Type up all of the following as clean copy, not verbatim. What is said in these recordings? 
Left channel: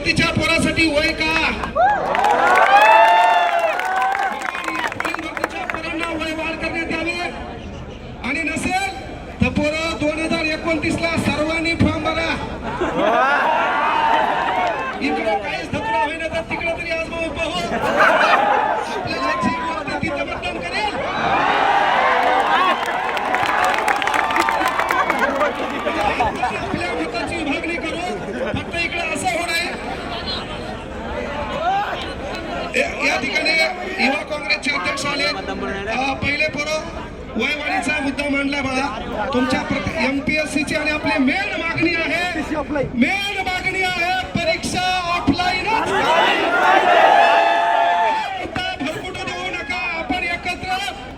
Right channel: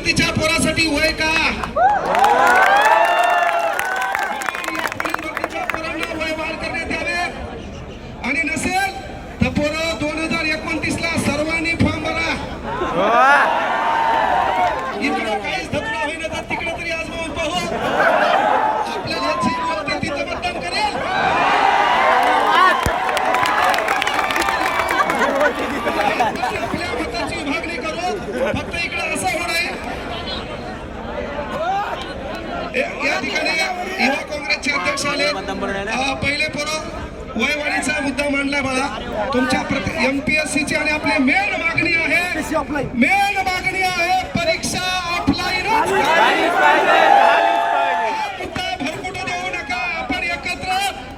भरतीच्या पोरासाठी वय का? पोलीस भरतीच्या पोरांना वय वाढ करण्यात यावे आणि नसेल तर पोरं 2029 ला सर्वांनी फॉर्म भरा. इकडे काहीच धक्का होईना तर तिकडे तरी आजमावून पाहू. आपल्याला जी व्यक्ती तिथं मतदान करेल आपल्या मताची विभागणी करून फक्त इकडे असं होऊ नये. या ठिकाणी युवा काँग्रेसचे अध्यक्ष आले. पहिले पोरं वयवाढीचा मुद्दा मांडला बघा. तुमच्या MPSCची आणि आपली मेन मागणी आहे परीक्षा ऑफलाईन. भरकुटून येऊ नका. आपण एकत्र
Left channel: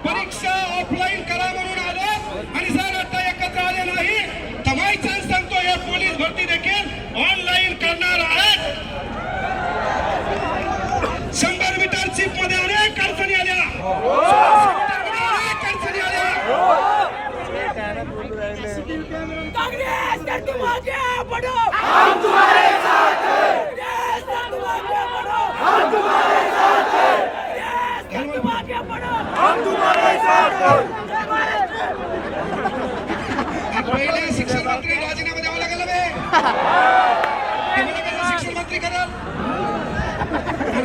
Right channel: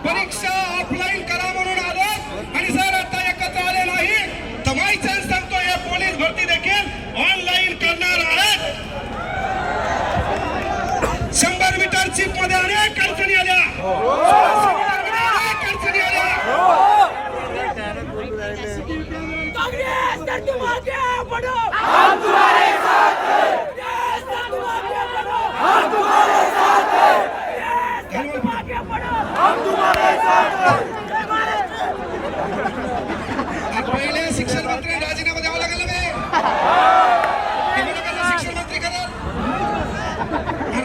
परीक्षा ऑफलाईन करा म्हणून आलो आणि जर आता एकत्र आले नाही तर माय चान्स सांगतो हे पोलीस भरती देखील ऑनलाईन करणार आहेत. 100 मीटर चिप मध्ये अनेक अडचणी आल्या. हम तुम्हारे साथ हैं। हम तुम्हारे साथ हैं। हम तुम्हारे साथ हैं। पहिले शिक्षण मंत्री राजीनामा द्यावा लागेल. शिक्षण मंत्री करा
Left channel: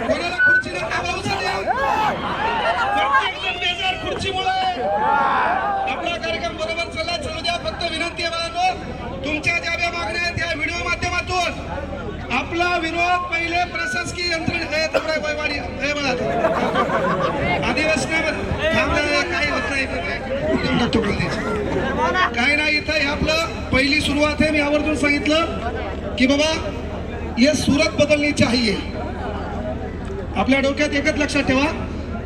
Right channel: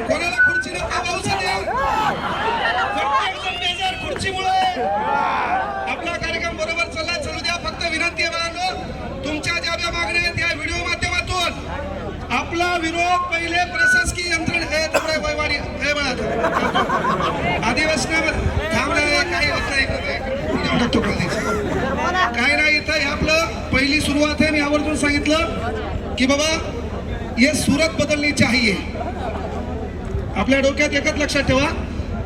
कोणाला खुर्ची खुर्चीमुळे आपला कार्यक्रम बरोबर चाललाय. चालू द्या. फक्त विनंती आहे मला तुमच्या ज्या ज्या मागण्या आहेत त्या व्हिडिओ माध्यमातून आपला विरोध पहिले प्रशासकीय यंत्रणा काय नाही. इथं आपलं पहिली सुरुवात आहे. मी आवर्जून सांगितलं की बाबा ये सूरत बदलनी चाहिए. आपल्या डोक्यात एकच लक्षात ठेवा,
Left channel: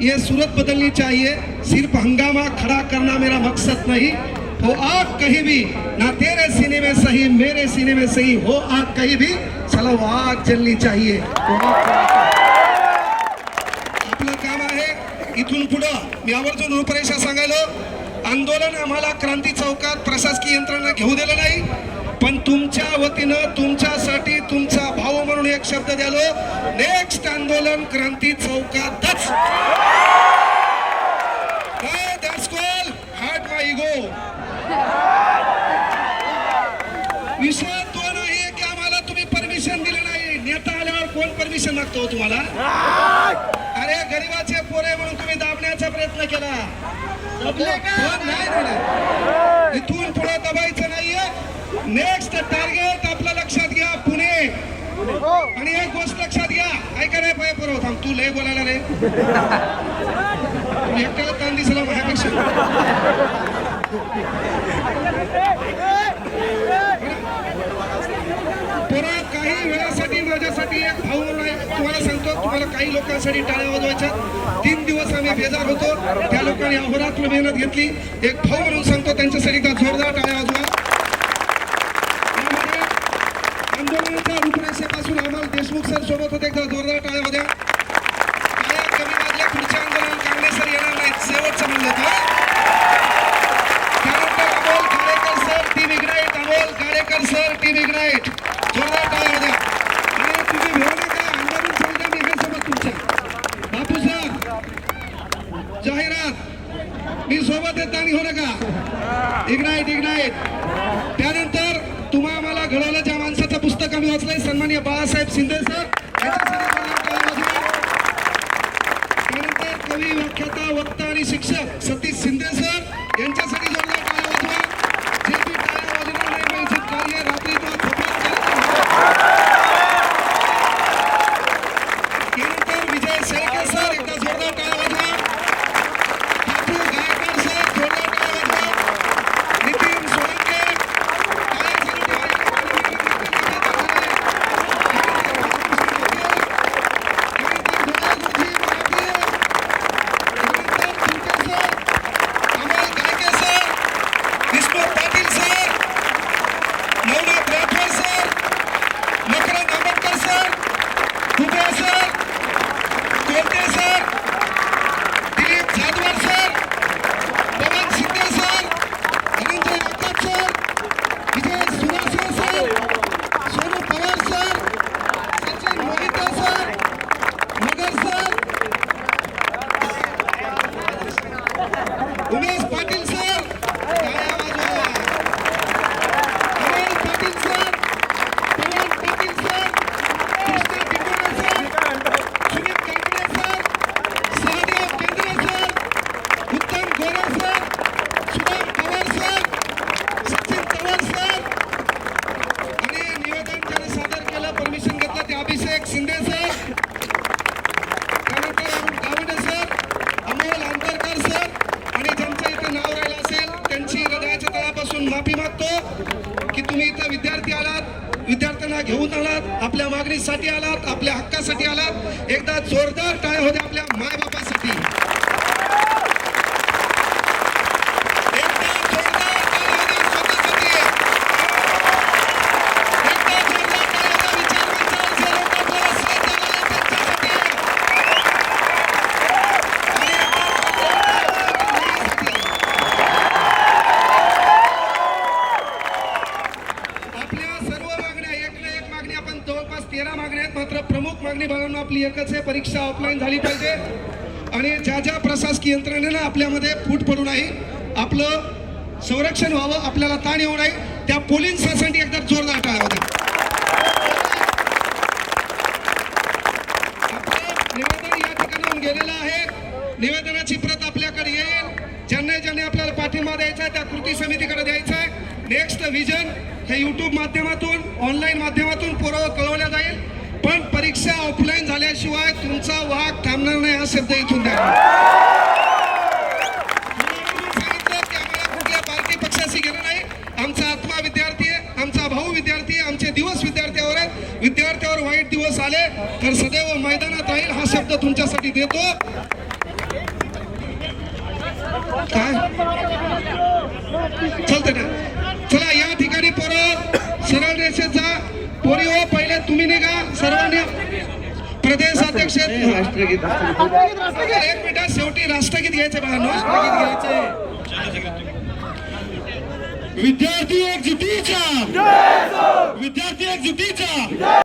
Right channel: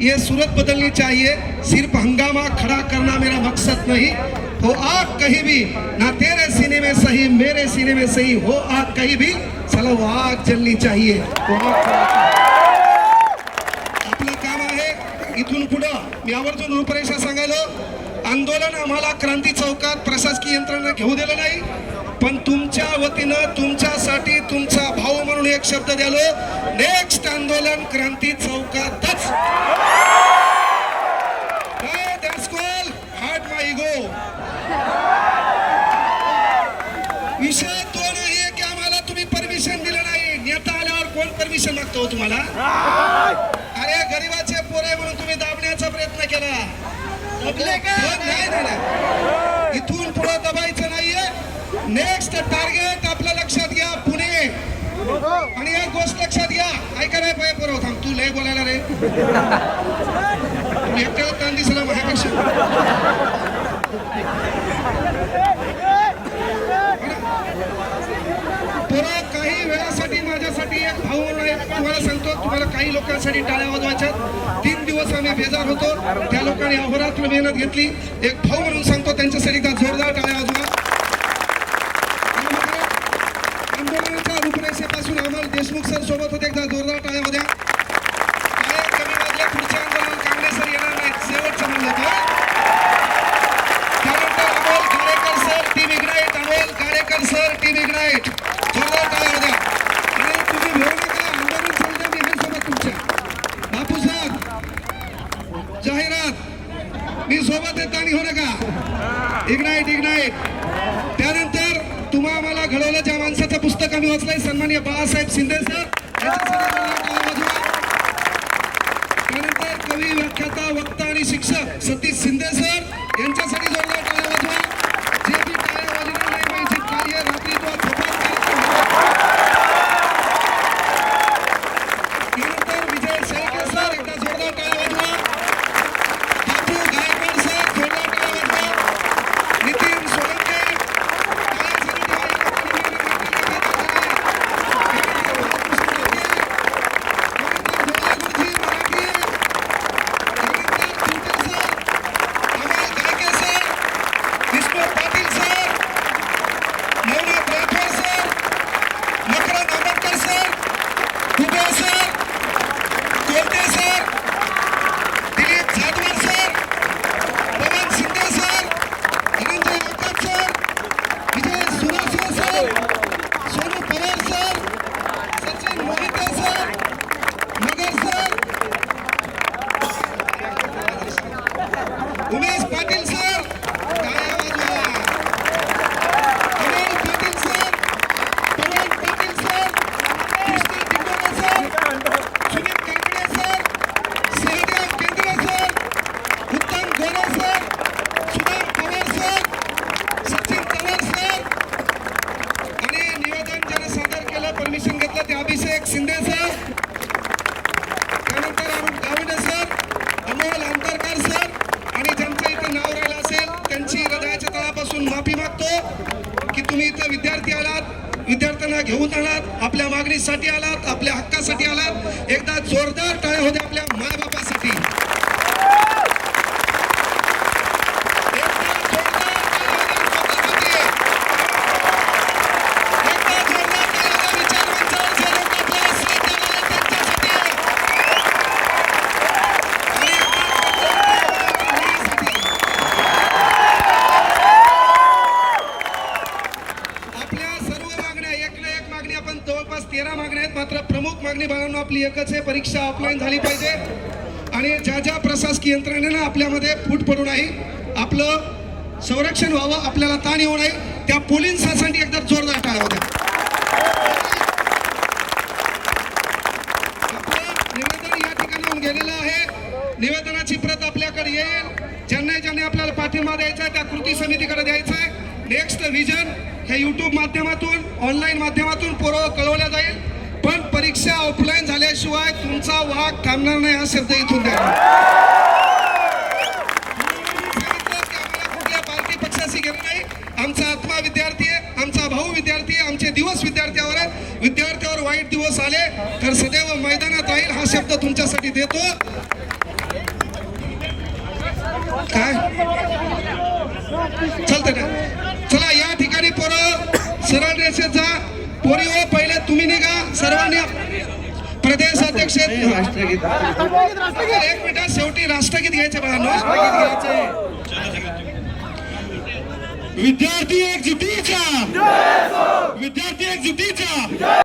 ये सूरत बदलनी चाहिए. सिर्फ हंगामा खड़ा करना मेरा मकसद नहीं. हो आग कहीं भी ना तेरे सीने में सही मेरे सीने में सही हो आग कहीं भी चलो आग जलनी चाहिए. आपलं काम आहे इथून पुढे मी आवर्जून रूपरेषा सांगायलो. आंदोलन आम्हाला क्रांती चौकात प्रशासकीय यंत्रणा घेऊ दिलं नाही, पण तुमच्या वतीनं तुमच्यासाठी तुमचा भाऊ म्हणून एक शब्द द्यालो. नेक्स्ट आंदोलन क्रांती चौकातच. विषय तो नाही की आम्हाला तुम्ही परमिशन दिलं नाही. नेता आल्यावर कोण परमिशन मागतो तुम्हाला? अरे गरीबाचे पोरे म्हणून तुम्ही दाबण्याचा प्रयत्न केला. इथून पुढे दबायचं नाहीये. नेक्स्ट टार्गेट आपलं लक्षात घ्या पुणे. आणि एक गोष्ट लक्षात घ्या. ऐका रे पाय पोरं थांब. तू लय बोलायला रे. एका कान दिसला माझ्यापेक्षा. पोरा काही वेळासाठी माझ्यासाठी एक भाऊ तुम्हाला सांगतो. तुम्हाला काही लोकांसाठी टाळ्या वाजवायच्या. 3 दिवस आम्ही बेजार होतो. त्या लोकांनी अहोरात्र मेहनत घेतली. एक भाऊ म्हणून सांगतो त्यांच्यासाठी जोरदार टाळ्या वाजवा. आंदोलनाच्या रूपरेषेपासून आम्हाला देशमुख सर सोबत होते. एकदा जोरदार टाळ्या वाजवा. टाळ्या कमी वाजल्या. पुढच्या आंदोलन काँग्रेस सर येणार नाहीत. शेवटचं म्हणजे त्यानंतर Amol Kalekar sir Team Ignite. Amol Kalekar sir Team Ignite. जोरदार टाळ्या वाजवा. आणि तुम्ही घेऊ नका. आंदोलन चालतं सोबत तुमच्या बापू साहेब जाहिरात मी सोबत येत आणि हो नका. Ignite ignite. त्यानंतर तुम्हा आम्हाला घडवलं ज्या माणसाचं पुस्तक आम्ही वाचलंय सन्माननीय बाळासाहेब शिंदे सर. त्यानंतर कवी व्याख्याता वक्ता आणि शिक्षक सतीश शिंदे सर यांच्यासाठी जोरदार टाळ्या वाजवा. जे बी टाळ्या वाजवणार नाही त्यांचे कार्य रात्री किंवा थोपट त्यानंतर विजय शेळके सर एकदा जोरदार टाळ्या वाजवा. बापू गायकवाड सर जोरदार टाळ्या वाजवा. नितीन सोळंके आहेत अभिषेक शिंदे सर, त्यानंतर अरुण गावंडे सर, अमोल अंतरकर सर, आणि ज्यांचं इथं नाव राहिलं असेल त्यांची हृदयाच्या तळापासून माफी मागतो की तुम्ही इथं विद्यार्थी आलात, विद्यार्थ्यांना घेऊन आलात, आपल्या मागणीसाठी आलात, आपल्या हक्कासाठी आलात. एकदा जोरदार टाळ्या होत्या आपल्या मायबापासाठी. जवळपास 13 मागण्या आहेत, मात्र प्रमुख मागणी बघून आपली एकच आहे, परीक्षा ऑफलाईन झाली पाहिजे. आणि ज्या ज्या प्रशासकीय यंत्रणेनं आपल्यामध्ये फूट पडू नाही, आपलं संरक्षण व्हावं, आपल्याला ताण येऊ नये, त्या पोलिसांसाठी एकदम जोरदार टाळ्या होत्या. आपलं निवेदन या ठिकाणी येऊन गेलेलं आहे. निवेदनाची प्रत आपल्याकडे येईल. ज्यांनी आपल्याला पाठिंबा द्यायचा त्या कृती समितीकडे द्यायचा आहे. नेक्स्ट विजन हे YouTube माध्यमातून, ऑनलाईन माध्यमातून पोरं कळवल्या जाईल. पण परीक्षा ऑफलाईन झाल्याशिवाय तुमचा वाघ थांबणार नाही हा शब्द इथून द्या. कुठल्या पार्टी पक्षाशी घेणं नाही. आमचा आत्मा विद्यार्थी आहे, आमचा भाऊ विद्यार्थी आहे, आमचे दिवस विद्यार्थ्यावर आहेत. विद्यार्थ्यावर वाईट दिवस आले तर सदैव मैदानात राहील हा शब्द तुमच्यासाठी देतो. काय चलते ना, चला या ठिकाणी पोरं सरळ रेषेत जा. पोरी हो, पहिले तुम्ही निघा सर्वांनी. प्रदेश अध्यक्ष एक मिनिट, शेवटी राष्ट्रगीत घ्यायचे बाळांनो. विद्यार्थी एकजुटीच्या, विद्यार्थी एकजुटीच्या.